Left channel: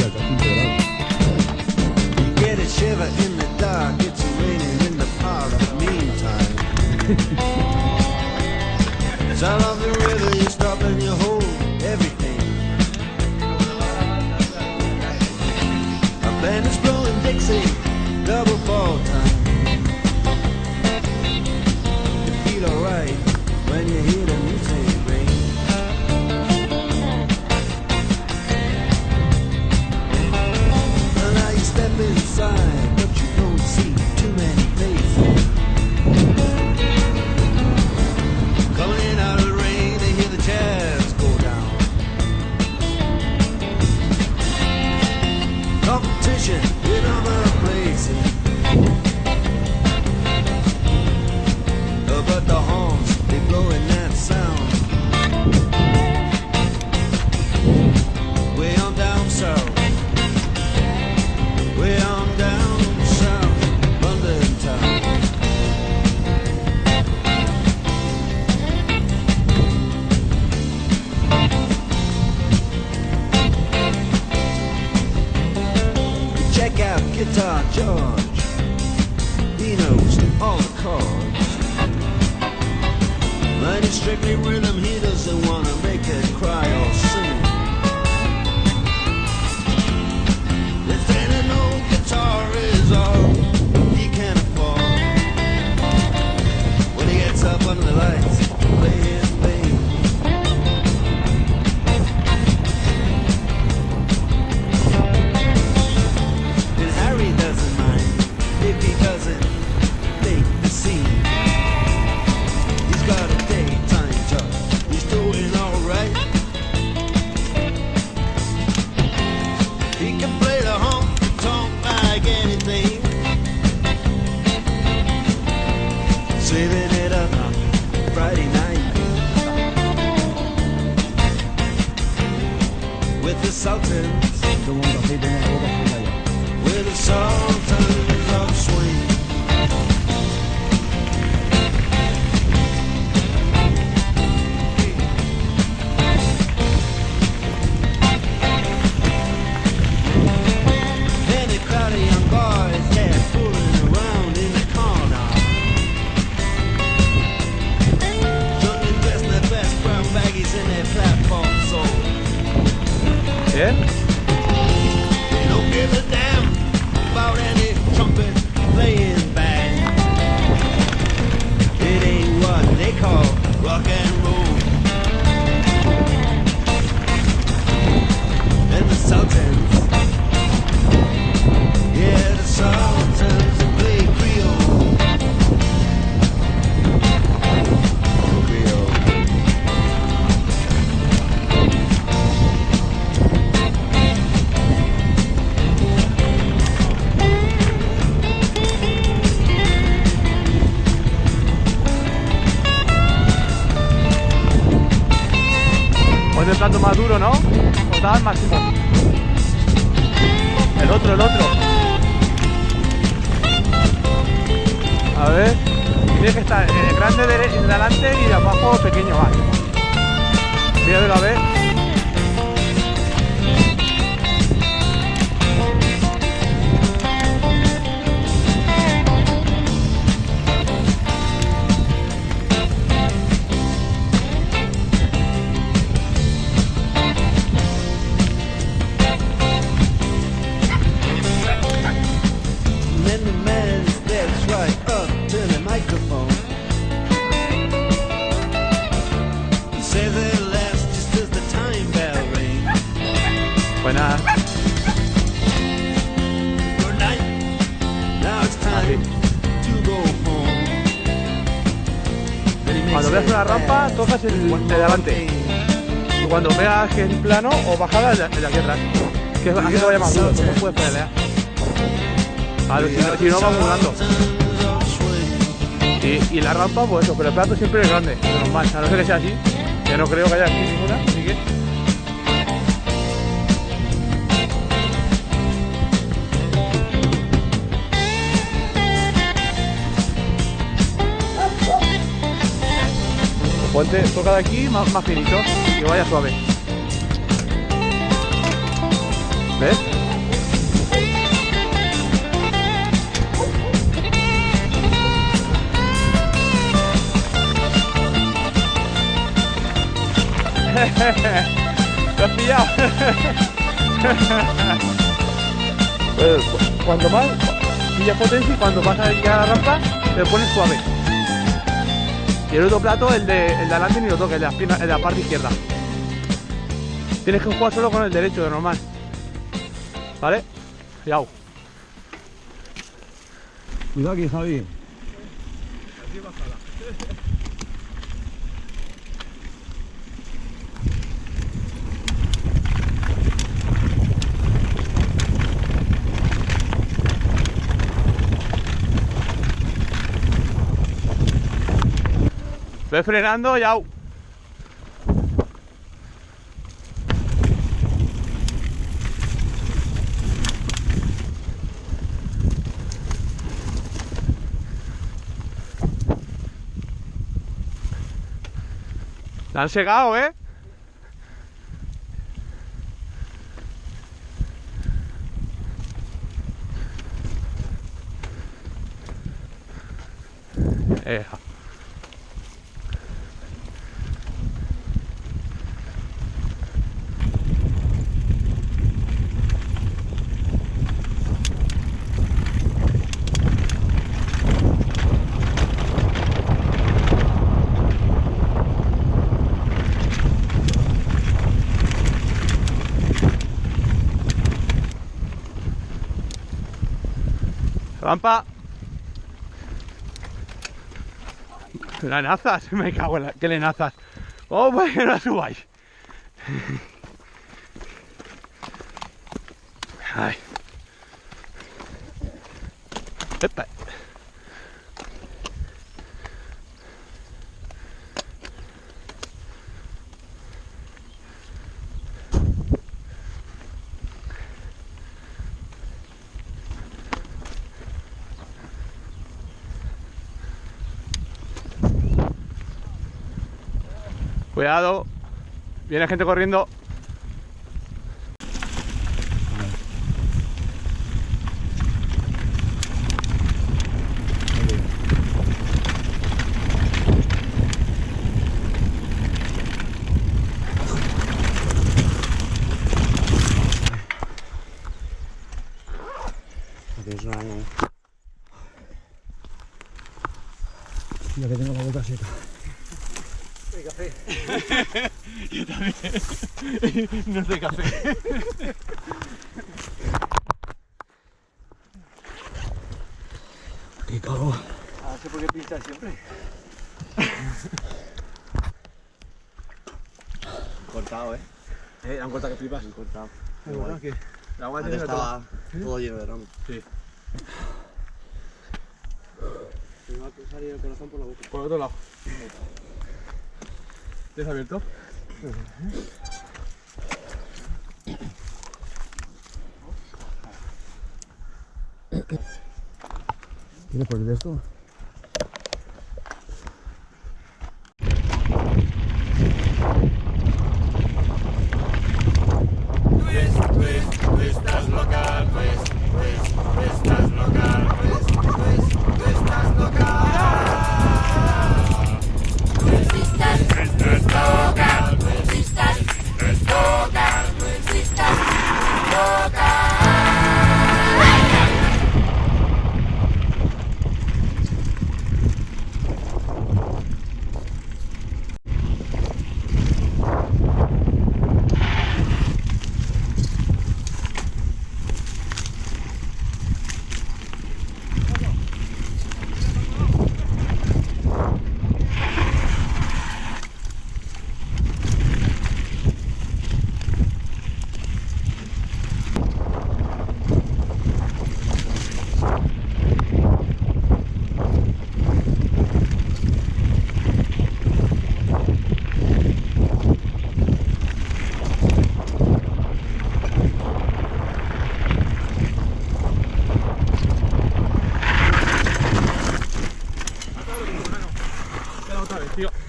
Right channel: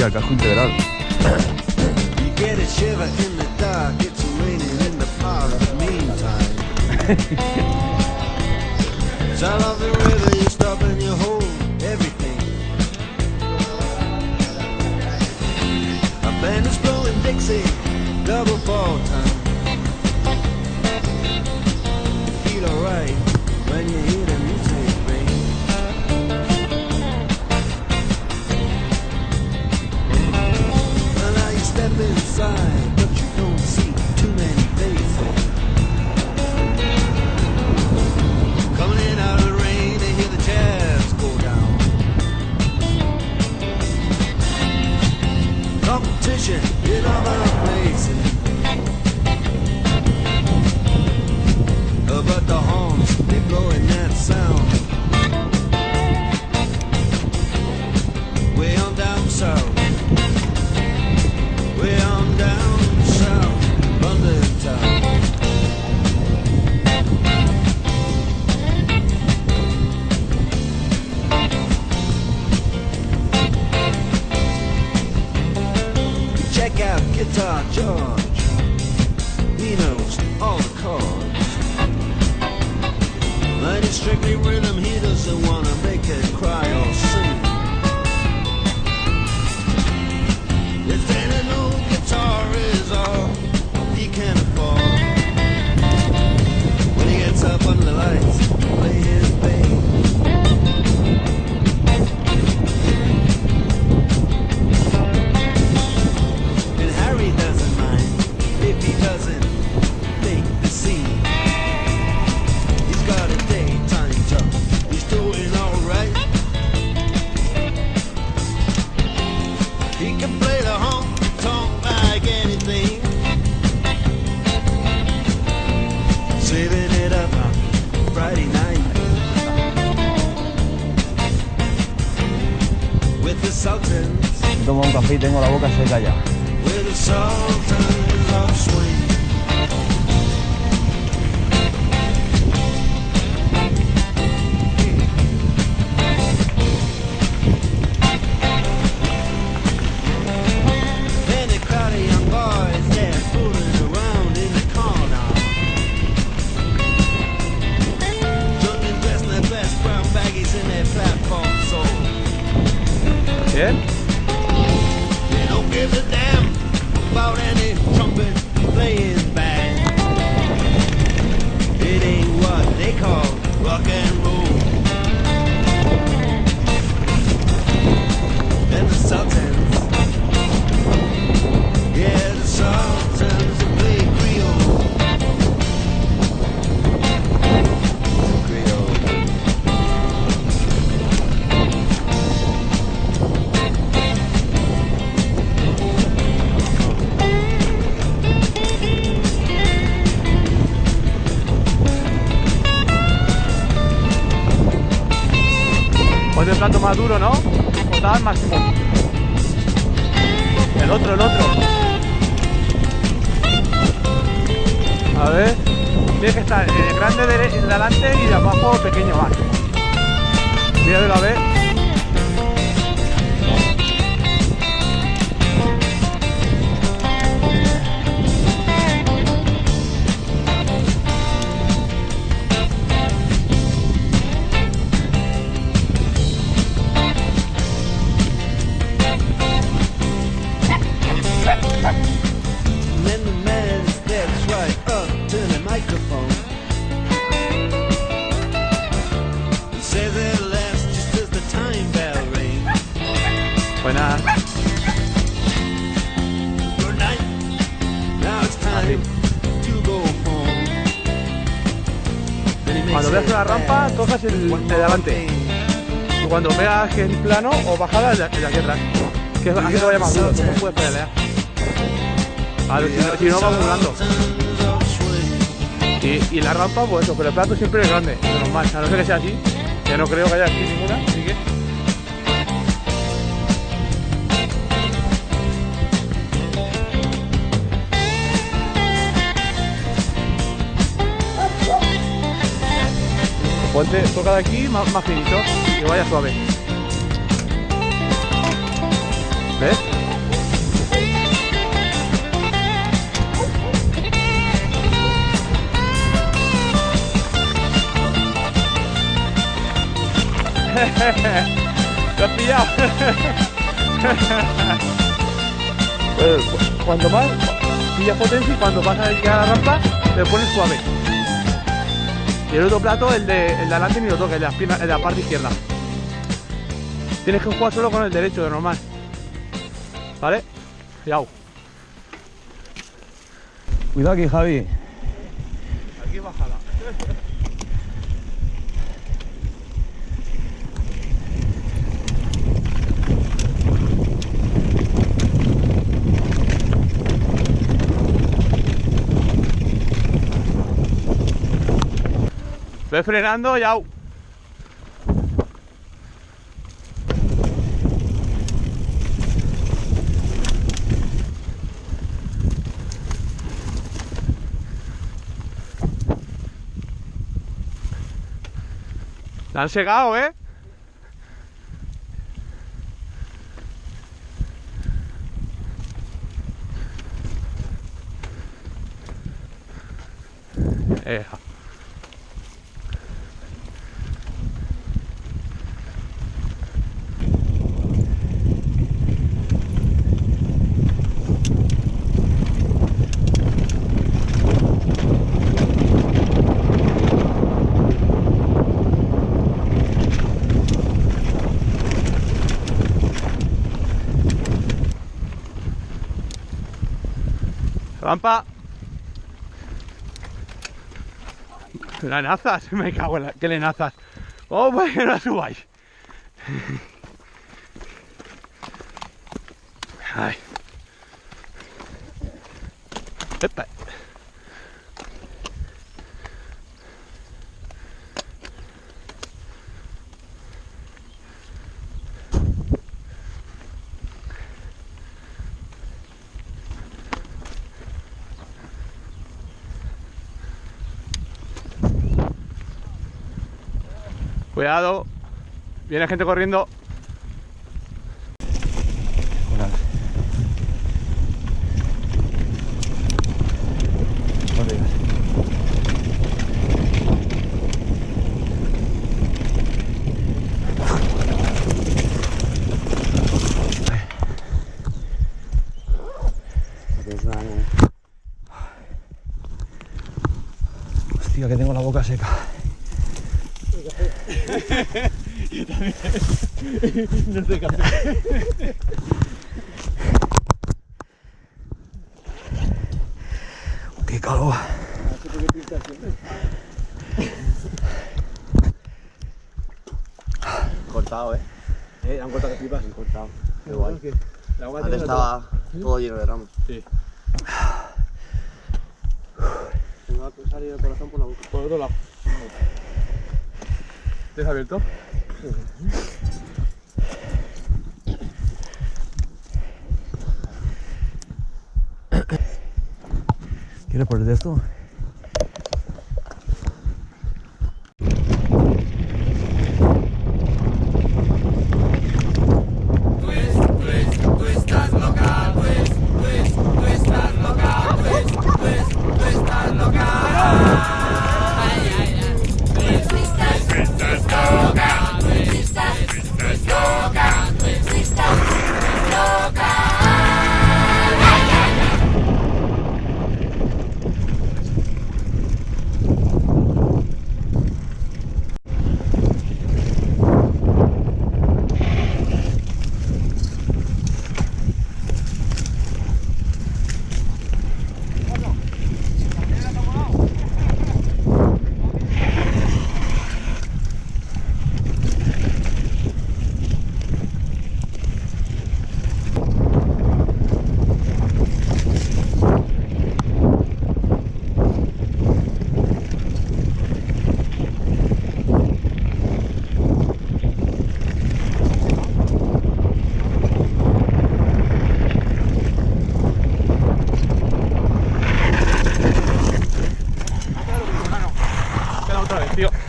hostia, el casco integral. You get a shiver in the dark, it's raining in the park meantime. Sound of the river, you stop and you hold everything. A band is blowing Dixie, double fall time. You feel alright when you hear the music ring. Well, now you step inside, but you don't see too many faces. Coming in out of the rain, they hear the jazz go down. Competition in other places, but the horns, they blowing that sound. Way on down south, way on down south, London town. Check out Guitar George, he knows all the chords. Mine is strictly rhythm, he doesn't wanna make it cry or sing. If then an old guitar is all he can afford, when he gets up under the lights to play his thing. And Harry doesn't mind if he doesn't make the scene. He's got a daytime job, he's doing alright. He can play the honky-tonk like anything, saving it up Friday night with the Sultans. Tomo un café y tengo la boca seca ya. With the Sultans of Swing. And a crowd of young boys, they're fooling around in the corner. Young and dressed in their best brown baggies in their platform soul. ¿Bien? They don't give a damn about any trumpet playing band. It ain't what they call rock and roll. And the Sultans, yeah, the Sultans that play Creole. Creole. Pues el plato más duro, ¿no? O está al máximo. El otro. A ver. Tiene que estar en el grande de delante y de abajo pequeño máximo. Míralo a ver. And then the man steps right up to the microphone. He says it lasts just as the time bell rings. Buenas. Good night. Now it's time to go home. Then he makes Cuando veas it una rampa, fast. tocas el One de more delante. thing. Y cuando veas que es plano o bajada, el de aquí atrás. Que así te vaya más duro, tú no puedes pelear. Claro, si no va volando. Y la rampa, pues eso, pero el plato siempre es grande, de normal, a no ser que sea así, que no creo que haya aquí ninguna, así que... Ponte, toca de aquí más finito, que vaya suave. ¿Ves? ¿Te has pillado? Pues, cuanto más pillas potencia y cuando vas a llegar a la rampa te pones suave. Y el otro plato, el de adelante ni lo toques, el de las piernas, el de la parte izquierda. Tienes que jugar solo con el derecho, de normal. ¿Vale? Cuidado. Cuidado aquí, Javi. Aquí bajada. Ve frenando, yau. La han segado, ¿eh? Eja. Rampa. Lenazas, me cago en la... ¿Qué lenazas? Oh, pues que no la subáis. Ay. Epa. Cuidado, viene gente corriendo. Hostia, que tengo la boca seca. Yo también. No sé café. Qué calor. No sé por qué pinchas siempre. Cortado, han cortado que flipas. Han cortado. Qué guay. La agua Antes estaba todo lleno de ramos. Sí. Me va a salir el corazón por la boca. Por otro lado. ¿Te has abierto? ¿Quieres poner de esto?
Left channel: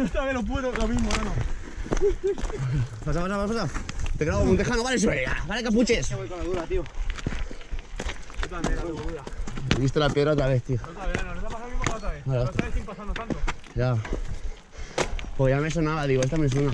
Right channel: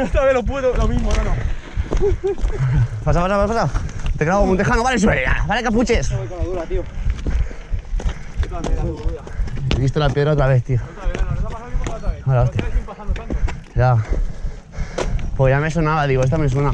Otra vez lo puedo, lo mismo, no. Pasa. Te grabo como un tejano, vale, sube. Vale, capuches. Voy con la dura, tío. Yo también, la dura. He visto la piedra otra vez, tío. Otra vez, ¿no te ha pasado lo mismo que la otra vez? Ahora, La otra vez sin pasarnos tanto. Ya. Pues ya me sonaba, digo, esta me suena.